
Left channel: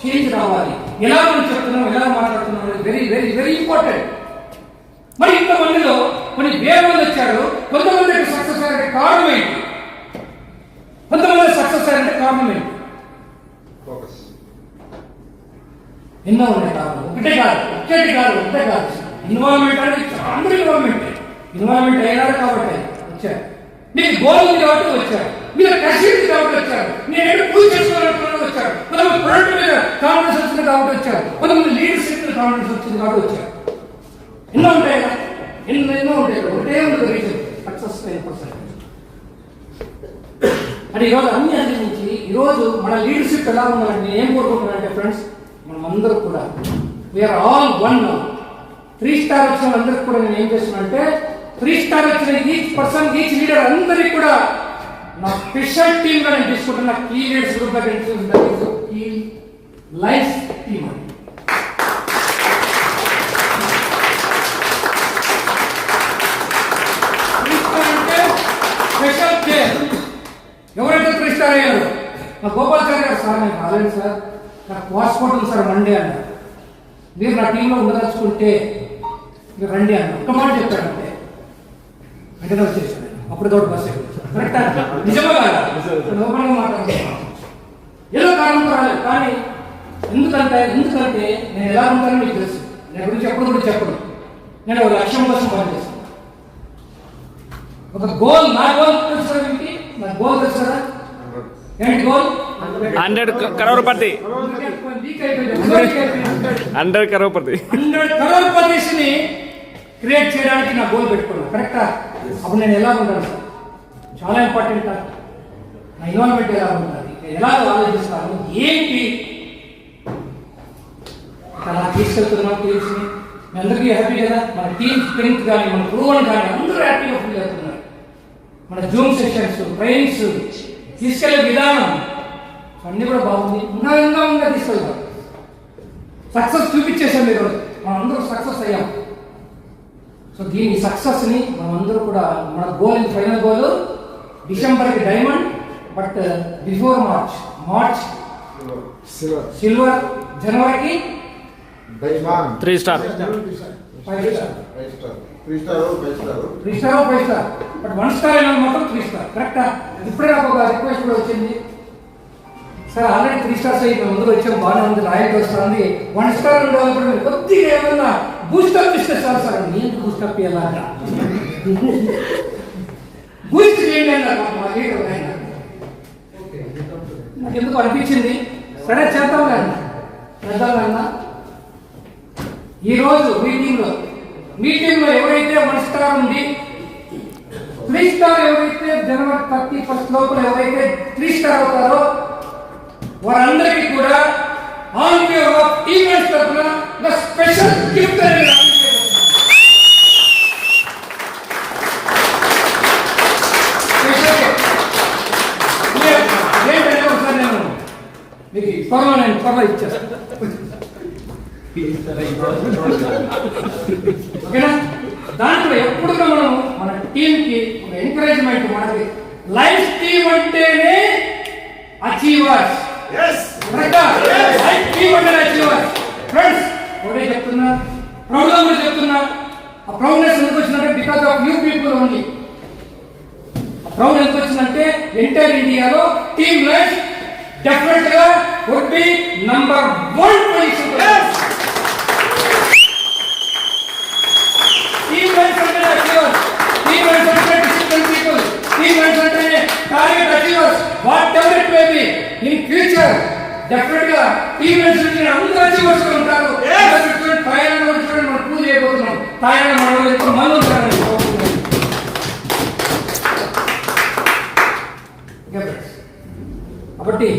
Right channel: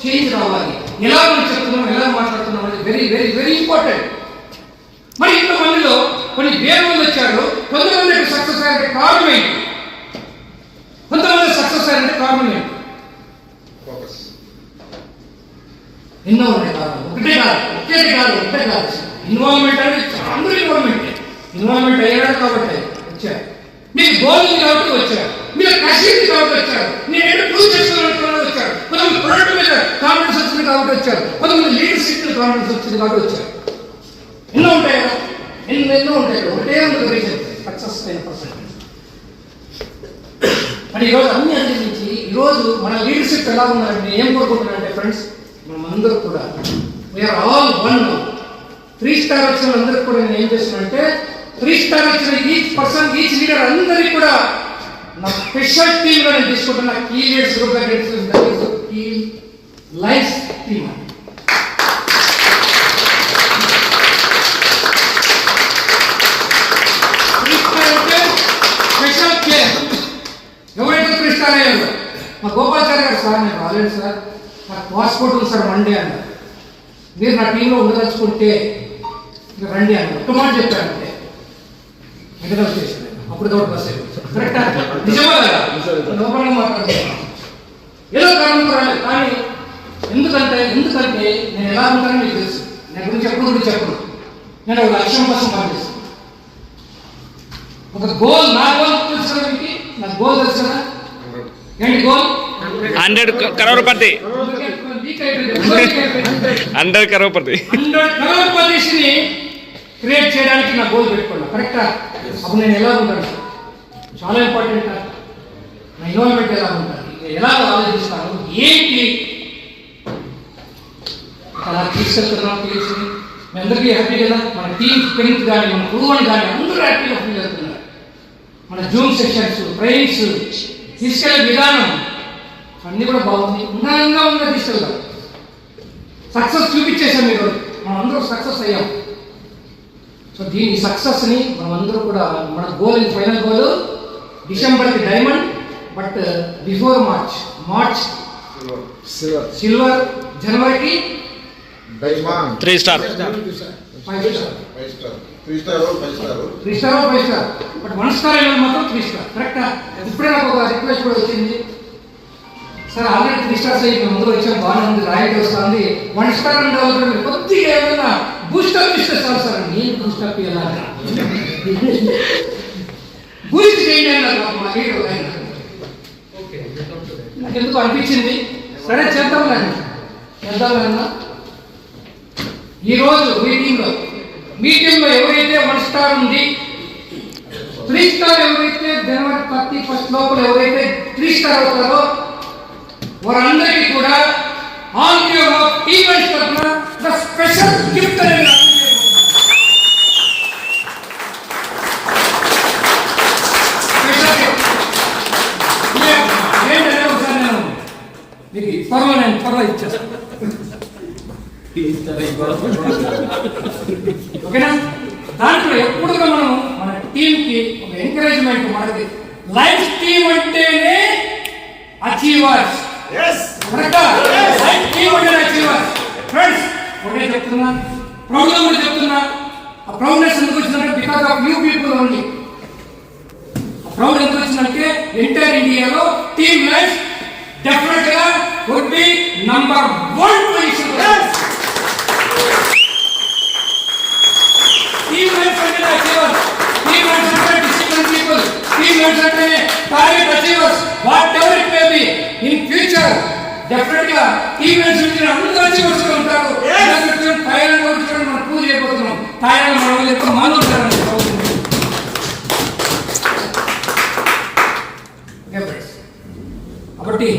చేంజ్ రావాలి. ఎలా మనం చెప్తున్నాం, ఎలా మాట్లాడుతున్నాం అనేది వెరీ వెరీ వెరీ ఇంపార్టెంట్. మరి ఇంతమందిలో కొన్ని వేల మంది వచ్చారు, కొంతమందికి సక్సెస్ అయ్యారంటే కారణం ఏంటి? కొంతమంది సక్సెస్ అయ్యారంటే కారణం ఏంటి? ఎన్నో ఉన్నాయి కారణం. ఒకటే కాదు. ఇన్వాల్వ్మెంట్ అనేది అందరూ ఇన్వాల్వ్మెంట్ అయ్యాడు కాబట్టి వచ్చారు. మీకు గోల్ ఉంది కాబట్టి వచ్చారు, మీరు కసి ఉంది కాబట్టి వచ్చారు, మీరు ప్రూవ్ చేసుకోవాలనుకున్న వచ్చారు, కొంతమంది ప్రొడక్ట్ మీద కాన్ఫిడెన్స్ వచ్చింది కాబట్టి వచ్చారు, కొంతమంది లీడర్షిప్ మీద కాన్ఫిడెన్స్ వచ్చింది కాబట్టి వచ్చారు. ఎన్నో ఉంటాయి కదా, ఎన్నో ఉంటాయి కదా. ఒకటే ఉంది రీజన్ సక్సెస్ 10%. అంటే ఈరోజు అన్ని అందించి ఈరోజు మన లీడర్షిప్ ఎలా ఉండాలంటే ఏం కోరుకుంటున్నారంటే ఫ్రెండ్స్, మనం అందరూ కూడా వీఆర్ ఆల్ వన్. 3 స్టార్ వచ్చిన అందరికి కూడా నేను ఏం చేస్తున్నానంటే 3 స్టార్ వచ్చిన ఈచ్ పర్సన్ ఈచ్ లీడర్ అందరికీ కూడా నా స్పెషల్ టీమ్ గా నేను తీసుకుంటున్నా. Key leaders group key life team అని. Special care. ఎవరైతే 3 స్టార్ అయ్యారు, మా గోపాల్చారి గారు, సార్ నేను రాలేదు సార్, నాకు పాస్పోర్ట్ ఉంది సార్ మండే అన్నారు. మీరు నా టీంలో ఉండదలుచుకుంటే మీరు రండి అన్నారు. ఒక్క మాట చెప్పారంటే ఎగదలు చేశాను. అప్పుడు తోడు బస్ కరెక్టా? నిజమా కదా? లోపలిగా మాట్లాడుతున్నాను. ఏదో కారణం రాలేదు, కానీ ఎందుకంటే నేను ఎలా ఉంటానో మీకు తెలుసు. నేను గురించి చెప్పను. నేను ఒక లక్ష్యం కోసం పనిచేస్తాను. ఒక గోల్, నా గోల్ తెలుసు కదా మీకు? నా గోల్ తెలుసు కదా? ఏంటి గోల్? 100 కరోడ్పతి. 100 కరోడ్పతి. 100 కరోడ్పతిని క్రియేట్ చేయడానికి నా గోల్ పెట్టుకున్నాను. కరెక్టా? అప్పుడు నేను ఎలా ఉంటాను? చాలా ఇంపార్టెంట్. నా ఇన్వాల్వ్మెంట్ ఎలా ఉంటుంది, ఎలా ఆలోచిస్తాను, ఏంటి అలా తీసుకెళ్తున్నాం టీమ్స్ని. మీ అందరికీ హ్యాపీ కదా? మన టీమ్ స్ట్రెంగ్త్ కానీ, మన గురువుని కానీ అందరూ హ్యాపీగా ఫీల్ అవుతున్నారు. మన జూమ్ సెషన్స్, ట్రైనింగ్స్, తీసుకెళ్లే విధానం అన్నీ కూడా బాగుంది. ఉన్నతంగా తీసుకెళ్తాం. సక్సెస్ చూపించేసాం. మీరు మనం అందరూ సక్సెస్ అయ్యాం. సో దీని సక్సెస్ని మనమందరూ కూడా, మన గోల్, ఫైనల్ గోల్ డిసెంబర్కి diamond, but before March silver, జనవరికి 3 star, 5 star, 3 star, 5 star. But 1 star అయినా మాత్రం 3 స్టార్. కరెక్టా? ఇప్పుడే నాకు ఒక రిక్వెస్ట్ కూడా వచ్చింది. సార్ ఆల్రెడీ 3 స్టార్స్ అయ్యి మేము ముందు వచ్చాము, బాగానే ఉంది, రాయల్టీ వస్తుంది. 1 స్టార్ ఉండాలి, కొద్దిగా ఏమైనా బూస్టప్ ఇస్తే చాలు సార్. నేను బూస్టప్ ఇవ్వాలా? బూస్ట్ చేయండి అన్నారు మా లీడర్ ఆయన. నాకు ఎందుకు అనిపించింది, సరే చేద్దాం. ఈరోజు మీ టీంలో ఎవరైతే 1 స్టార్ ఉంది, 3 స్టార్ ఎవరైతే జనవరి 31 లోపల ఎవరైతే 3 స్టార్ అవుతారో వారందరికీ కూడా ఆన్ యువర్ ఆఫ్ ఈవెంట్స్ తరఫున ద స్పెషల్ గిఫ్ట్ అనేది ఏంటంటే ఒకసారి నేను మీకు త్వరలో ఇచ్చేస్తాను. ఓకేనా? దాంట్లో ఎప్పుడు మనం మన టీంకి ఒక ఎంకరేజ్మెంట్, మనకి లైఫ్ టీమ్ అంటేనే అచీవర్స్. లైఫ్ టీమ్ అంటేనే అచీవర్స్. ఫ్రెండ్స్ ఒకటే చెప్తున్నా, ప్రౌడ్గా కూడా చెప్తున్నా. ఆ ప్రౌడ్నెస్ ఎందుకు వచ్చిందంటే because of you people only. ఆ ప్రౌడ్ ఎందుకు వచ్చిందంటే ఎంటైర్ ఇండియాలో టీమ్ లైఫ్ డెఫినెట్ గా would be number 1 position. Team works under achievers. Team works under disciplined people. Team works under target achievers. Whatever it may be, in future, definitely, team works under అందరూ achievers ఉంటారు. థాయిలాండ్ వచ్చి మనం పూజ చేయబోతున్నాం. థాయిలాండ్ మనం ఎక్కువ మంది ఉంటారని కాబట్టి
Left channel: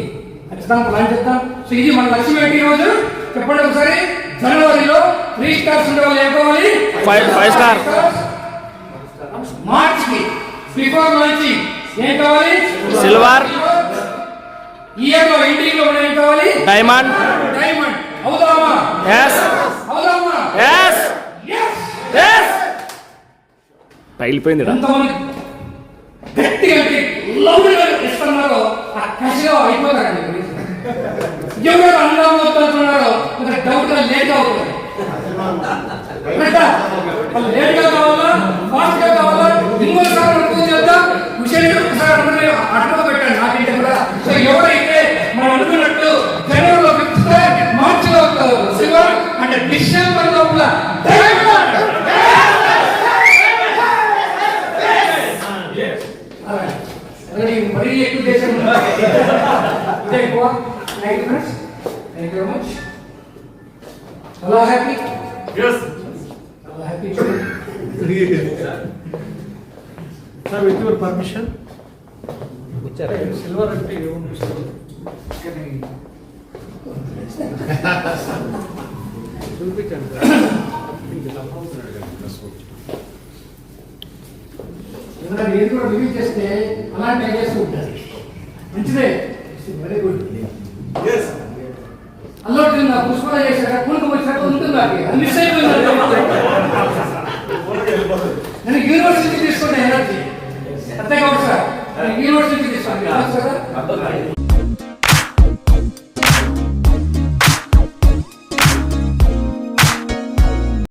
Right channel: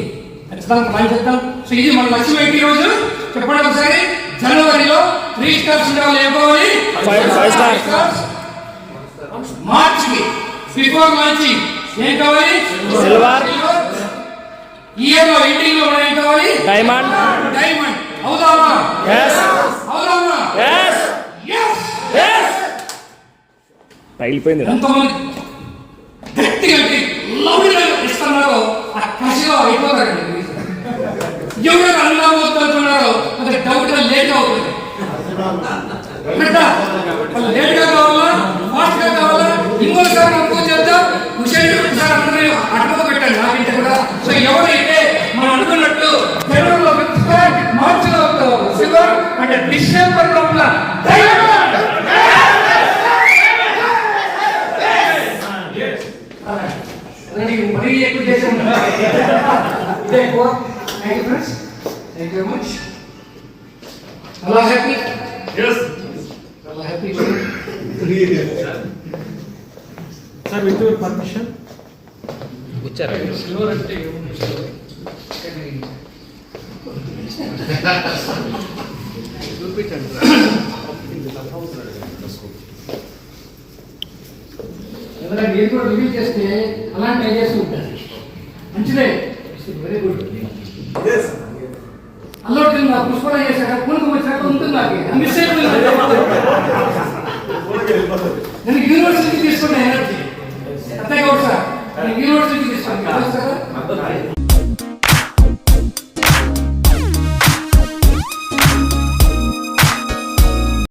ఖచ్చితంగా ప్లాన్ చేద్దాం. సో ఇది మన లక్ష్యం ఏంటి ఈరోజు చెప్పండి ఒకసారి. జనవరిలో 3 స్టార్స్ ఉండాలి. ఏ కావాలి? 5 స్టార్. మార్చ్ కి బిఫోర్ లాంచింగ్ ఏం కావాలి? సిల్వర్. ఇయర్ లో ఎండింగ్ లో ఏం కావాలి? డైమండ్. అవుదామా? yes. అవుదామా? yes. పగిలిపోయింది. ఎంతమంది గట్టిగా లౌడ్గా ఇస్తున్నారో ఆ కసిగా అయిపోతారండి. ఎవరు అందరూ వస్తున్నారో మనకి డౌట్ గా లేట్ అవుతుంది లేట్ గా కావాలా ఫాస్ట్ గా కావాలా ఇంకోసారి అనుకో చెప్తా విషయం అడ్డుగా పెట్టాను నాకైతే కూడా. సో ఎవరైతే మనం అనుకున్నట్టు జనవరిలో మార్చిలో సిల్వర్ అంటే డిసెంబర్ లోపల మరీ ఎక్కువ చేసి ఇదే ఎక్కువ. Thank you friends, thank you very much. చాలా హ్యాపీ, చాలా happy. Sir with your permission silver అంటే ఏదైనా మీరు కూడా రివ్యూ చేస్తే అలాంటి ఐడియాస్ ఉంటారు. మంచిదే, వెరీ గుడ్. అల్లుడు నా పుష్పడ చేశాక కునుకు వచ్చాక ఉంటుంది నాకు మిస్ అయిపోయింది. నేను యూనివర్సిటీ తీసుకునే ఎనర్జీ అర్థం కాదు సార్, యూనివర్సిటీ తీసుకోండి.